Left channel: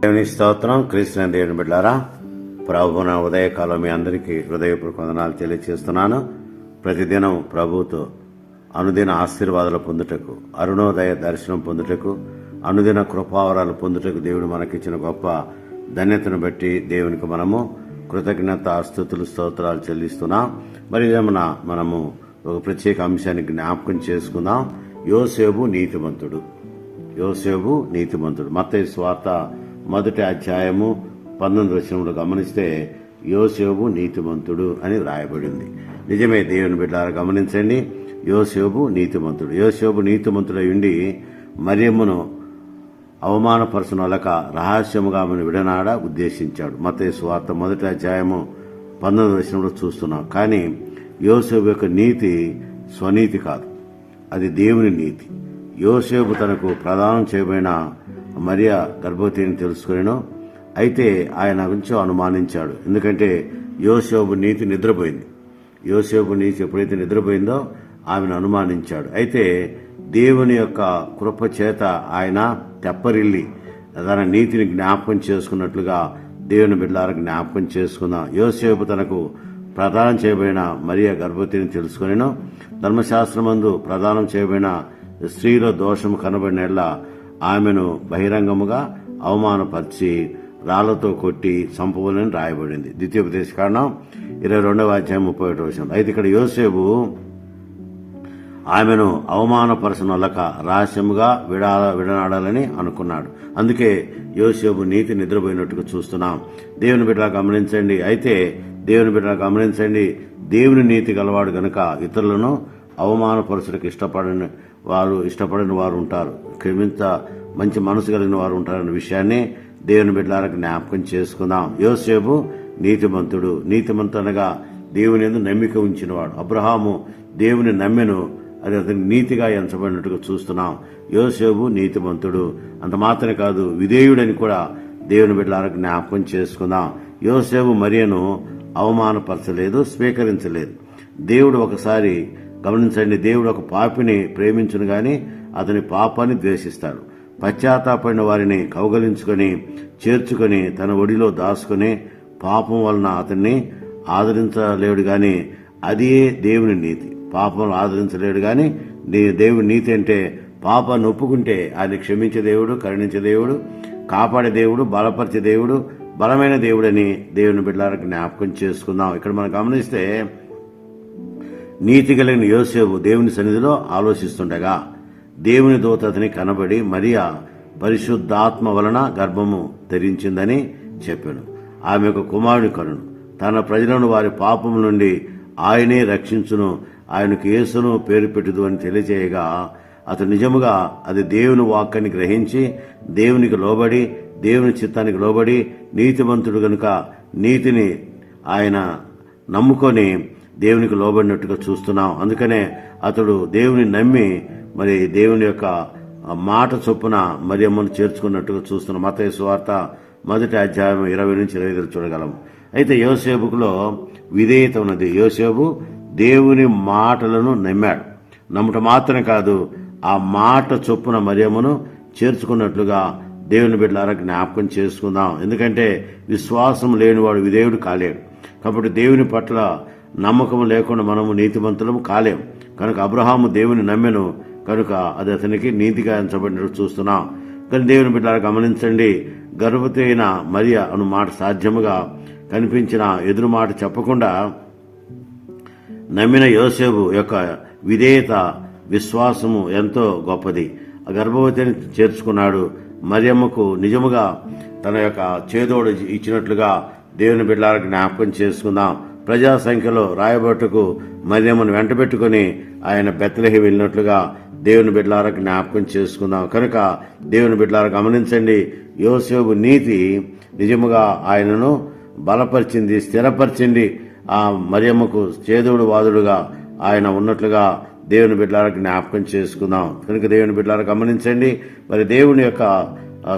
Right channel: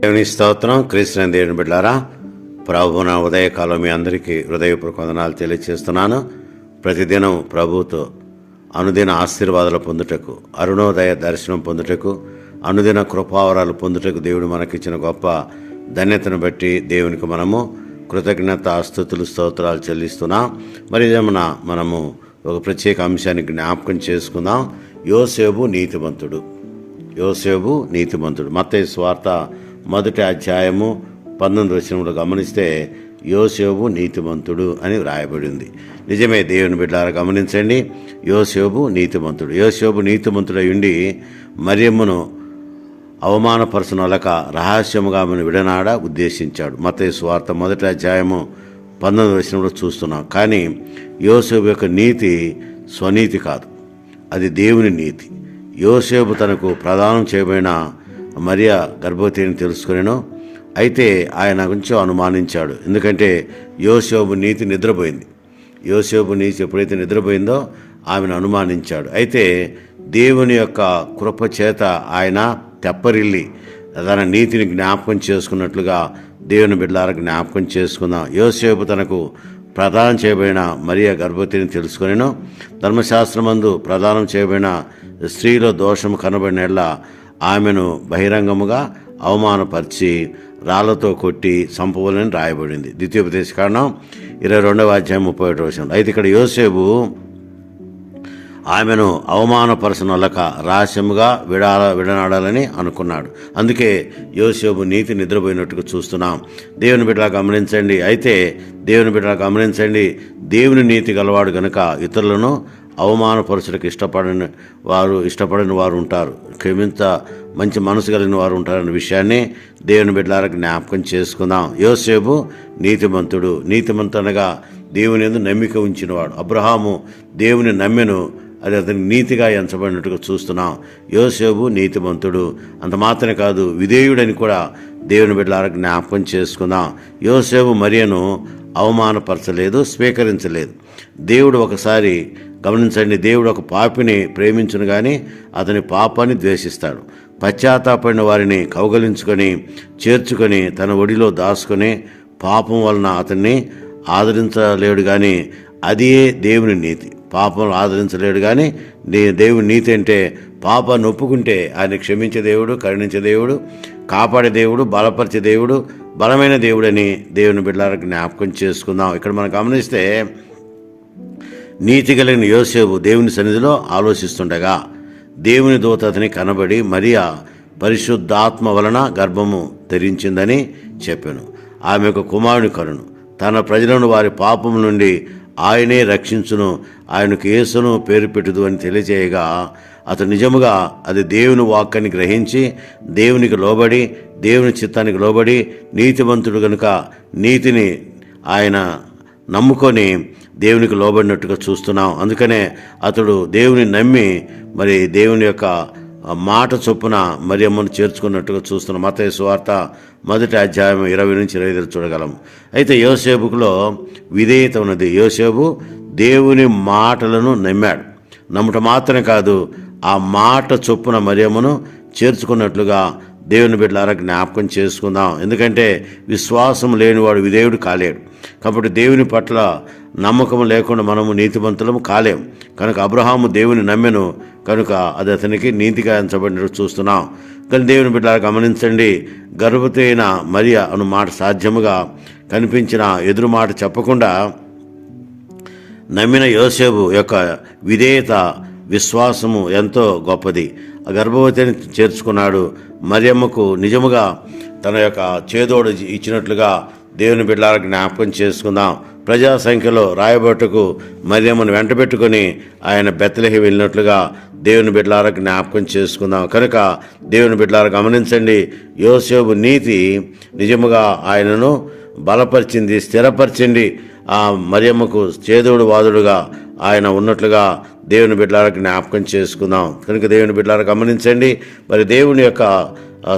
దేవుని స్తోత్రం క్రీస్తున్న దేవుని బిడ్డారా ప్రభున ఉదయకాలం మీ అందరికీ హృదయపూర్వక వందనాలు తెలియజేస్తున్నాను ప్రతిదినం ప్రభుతో అనుదిన ఆశీర్వాదాలు పొందుటకు అరుణోదయ దర్శనం పొందుటకు అనుదిన కృపావరాలు పొందుటకు దేవుడు మనకిచ్చిన గొప్ప ధన్యతను బట్టి దేవునికి మనము కృతజ్ఞత స్థుతులు స్తోత్రాలు చెల్లిస్తున్నా. మరి ఇదేమన్నా మనము ఒక ప్రత్యేక అంశాన్ని జ్ఞాపకం చేసుకుందాం. యోసేబు నీతిమంతుడు. యోసేబు నీతిమంతుడు. మత్తయి స్వార్త మొదటి అధ్యాయము పంతొమ్మిది వచనంలో గమనిస్తే యోసేబు నీతిమంతుడు అని వ్రాయబడింది. నిజమే దేవుని బిడ్డారా గమనించండి. యోసేబు నీతిమంతుడు. యోసేబు నీతిమంతుడై ఉండి మరియమ్మను అవమానపరచనొలక రహస్యముగా ఆమెను విడనాడ ఉద్దేశించాడు. మత స్వార్థ మొదటి అధ్యాయము పంతొమ్మిది వచనంలో చూస్తున్నాం. కానీ యోసేపు యొక్క నీతి స్వనీతి కాదు. అది దేవుని నీతి. యోసేపు తనకు ప్రదానం చేయబడిన మరియా గర్భవతిని తెలుసుకునేను. అయితే ఆయన గురించి అనుమానించాడు. ఎందుకంటే యోసేపు నీతి నిద్రపోయింది. యోసేపు నీతి ఎప్పుడైతే నిద్రపోయిందో ఆమెను అనుమానించాడు. అయితే దేవుని యొక్క కృప చేత ఆయన తెప్పరిల్లి తన నీతిని జ్ఞాపకం చేసుకున్నట్లుగా దేవుని బిడ్డలారా జ్ఞాపకం చేసుకుందాం. యోసేపు తనకు ప్రదానం చేయబడిన మరియ గర్భవతిని తెలుసుకొనిను. ధర్మశాస్త్రమందు ప్రదానం చేయబడిన స్త్రీలో దోషం కనబడినట్ల ఆమెను బహిరంగముగా అవమానపరిచి రాళ్ళతో కొట్టి సంపవలని రాయబడింది. ద్వితీయోపదేశ కారణం ఇరవై రెండవ అధ్యాయం ముప్పై ఒకటి వచ్చిన అయితే ఇక్కడ యోసేపు ఆమెను అవమానపరచనొలక రహస్యముగా విడాల విడనాడాలని అనుకున్నాడు. అందుకే యోసేపు నీతి నిద్రపోయినట్టుగా చూస్తున్నాం. దేవుని బిడ్డలా గమనించండి. అయితే దేవుని బిడ్డలా గమనించండి. దేవుని నీతి గలవాడు గనుక ఇతరులను అవమానపరచులకు ఇష్టపడని వారు ఇష్టపడని వారు ఉంటారు. క్షమించ మంచి మనసు కలిగిన వారు ఉంటారన్న విషయాన్ని దేవుని బిడ్డలారా జ్ఞాపకం చేసుకుందాం. యోసేపు నీతిమంతుడు. నీతిమంతునగా దేవుని ఎందు నమ్మిక ఉంచినవాడు. అబ్రహాము దేవుని నమ్మెను అది అతని నీతిగా ఎంచబడినట్టుగా చూస్తున్నాం యోసేపు నీతిమంతుడు. అంత మాత్రమే కాదు విధేయుడని కూడా దేవుని బిడ్డలారా జ్ఞాపకం చేసుకుందాం యోసేపు మరియను అవమానపరచలేదు స్వీకరించలేదు. దేవుడు ఒకసారి గమనించండి దేవుడు ఒక పాపిని ప్రేమించును కానీ అతని పాపాన్ని ద్వేషిస్తాడు. పశ్చాత్తాపడిన వారిని కౌగలించుకొని చేర్చుకొని తన ఒడిలో దాచుకొని పాపం వలన అతన్ని ఆదరించలేడు కానీ అదే దేవుని నీతి. పాపం ఆదరించలేడు కానీ నీ దేవుని నీతి అంటే పాపాన్ని ఒప్పుకుంటే ఆయన క్షమించే దేవుడు కరుణించే దేవుడు కాపాడే దేవుడు బలపరిచే దేవుడు బలమైన దేవుడని దేవుని బిడ్డలకు జ్ఞాపకం చేసుకుందాం. ఇక్కడ మనం గమనిస్తే నీతి కలిగిన యోసేపు దేవుని సన్నిధిలో ఆలోచిస్తుండగా దేవుని దూత అతని కనబడి మరియా పరిశుద్ధాత్మ వలన గర్భము ధరించిందని చెప్పాను. ఆమె యొక్క కుమారుని కరుణు. తన ప్రజలను వారి పాపం నుండి ఆయనే రక్షించును ఆయనకు యేసును పేరు పెట్టుదు అని తెలియజేయగా అతను నిజముగా అది దేవుని వాక్యాన్ని గ్రహించి దేవునికి లోబడి దేవుని చిత్తానికి లోబడి నీతివంతుడు కనుక నీతిని ఆయన నమ్ముకొని దేవునికి లోబడినట్టుగా చూస్తున్నాం. అందుకనే అతడు దేవుని నమ్మి మరి దేవుని యొక్క మాట చొప్పున మరియమ్మను చేర్చుకున్నట్టుగా చూస్తున్నాం మత సువార్త మొదటి అధ్యాయం ఇరవై నుంచి ఇరవై ఐదు చూడగలం. అయితే యోసేపుకులో విధేయత ఉన్నది. యోసేపు దేవుని మాటలను నమ్మాడు. నమ్ముట మాత్రమే కాదు ఆ మాట చొప్పున మరియమ్మను చేర్చుకున్నట్లుగా దేవుని బిడ్డలారా జ్ఞాపకం చేసుకుందాం. ఎందుకంటే విశ్వాసం లేనివాడు విధేయుడు కాలేడు. కాబట్టి దేవుని పట్ల నమ్మకం లేకుండా మనము నీతిమంతులము కాలేం. కనుక అబ్రహాము దేవుని నమ్మెను. కనుక అది అతనికి నీతిగా ఎంచబడినట్టు చూస్తున్నాం. కానీ దేవుని బిడ్డలారా గమనించండి. గర్భవతి అయిన మరియ అను మాట సాధ్యముగా కనిపించిన ఎదురు మాట చెప్పకుండా నమ్మిన యోసేపు యొక్క విధేయత విశ్వాసము ఎంతో గొప్పది. గర్భవతిని చేర్చుకున్నాడు. మరియమ్మకు నిజముగా తన యొక్క చేదోడు ఇచ్చినట్లుగా దేవుని బిడ్డలకు జ్ఞాపకం చేసుకుందాం. ప్రజా సంఖ్యలో రాయబట్టుకు మరియమ్మను వెంటబెట్టుకొని ఆయన బెత్తలకి వెళ్ళినట్లుగా దేవుని బిడ్డలారా జ్ఞాపకం చేసుకుందాం. కనుక దేవుని బిడ్డలారా గమనించండి యోసేపు నీతి నిజముగా ఆయనను బలపరిచింది స్థిరపరిచింది. ఆ మరియమ్మకు చేదోడు వాదుడుగా ఆయన ఉన్నట్లుగా దేవుని బిడ్డలారా జ్ఞాపకం చేసుకుందాం. కనుక దేవుని బిడ్డలారా గమనించండి. మరి దేవుని యొక్క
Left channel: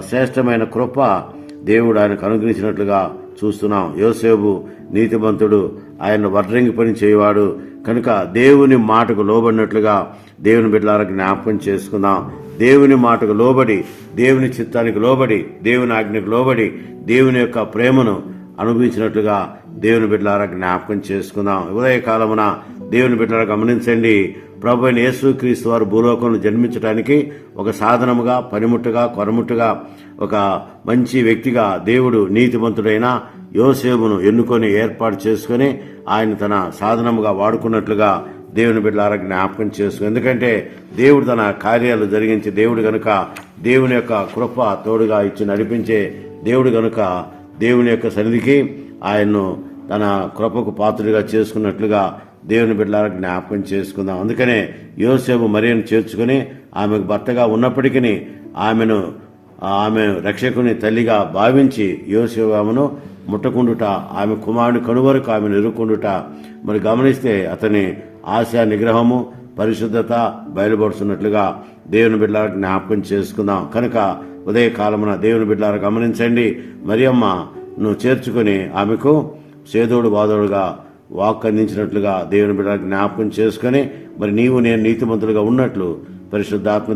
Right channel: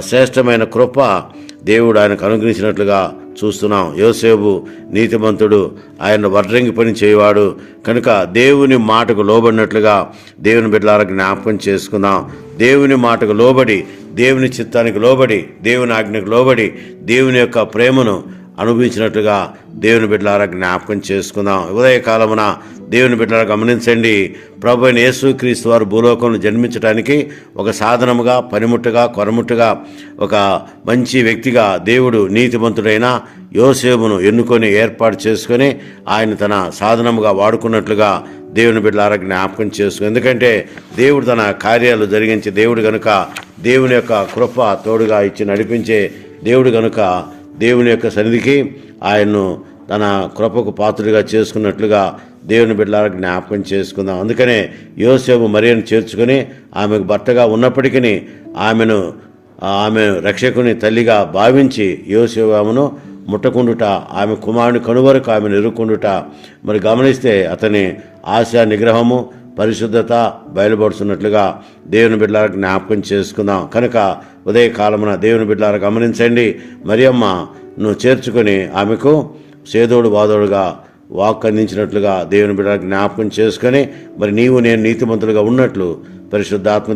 శ్రేష్టమైన కృప దేవుడు ఆయనకు అనుగ్రహించినట్లుగా చూస్తున్నాం. యోసేపు నీతిమంతుడు ఆయన వడ్రంగి పని చేయవాడు. కనుక దేవుని మాటకు లోబడినట్లుగా దేవుని బిడ్డలారా జ్ఞాపకం చేసుకుందాం. దేవుని మాటకు లోబడి దేవుని చిత్తానికి లోబడి దేవుని ఆజ్ఞకు లోబడి దేవుని యొక్క ప్రేమను అనుభవించినట్లుగా దేవుని బిడ్డలారా జ్ఞాపకం చేసుకుందాం. ఉదయకాలమున దేవుని బిడ్డలారా గమనించండి. ప్రభు అయిన యేసుక్రీస్తు వారు భూలోకంలో జన్మించడానికి ఒక సాధనముగా పనిముట్టుగా కొరముట్టుగా ఒక మంచి వ్యక్తిగా దేవుడు నీతిమంతుడైన యోసేపును ఎన్నుకొని ఏర్పాటు చేసుకొని ఆయన తన సాధనముగా వాడుకున్నట్లుగా దేవుని బిడ్డలారా జ్ఞాపకం చేసుకుని ఎందుకంటే దేవుడు తన కార్యాలు జరిగించే దేవుడు గనుక దేవుని యొక్క కృప తోడుగా ఇచ్చి నడిపించే దేవుడు గనుక దేవుని యొక్క సన్నిధికి ఆయన్ను తన కృపకు పాత్రుడిగా చేసుకున్నట్లుగా దేవుని బిడ్డలకు జ్ఞాపకం చేసుకుందాం. అందుకనే యోసేపు మరియను చేర్చుకొని ఆమెకు భర్తగా ఉన్నప్పటికీ ఆమెను ఆమె రక్షకుని తల్లిగా భావించి యోసేపు ఆమెను ముట్టకుండుట ఆమె కుమారుని కనువరకు ఆమెను ఎరుక్కుండుట. మరి గమనిస్తే అతని ఆశ నిగ్రహము పరిశుద్ధత బయలుపడుతున్నట్లుగా దేవుని బిడ్డలారా జ్ఞాపకం చేసుకుందాం. కనుక ఉదయకాలమున దేవుని బిడ్డలారా గమనించండి. మరియమ్మ నువ్వు చేర్చుకొని ఆమెకు సేదోడు బాదోడుగా వాక్ అందించినట్లుగా దేవుని బిడ్డలకు జ్ఞాపకం చేసుకొని మరి నీవు నేను నీతిమంతులుగా ఉన్నట్లు పరిశుద్ధాత్మ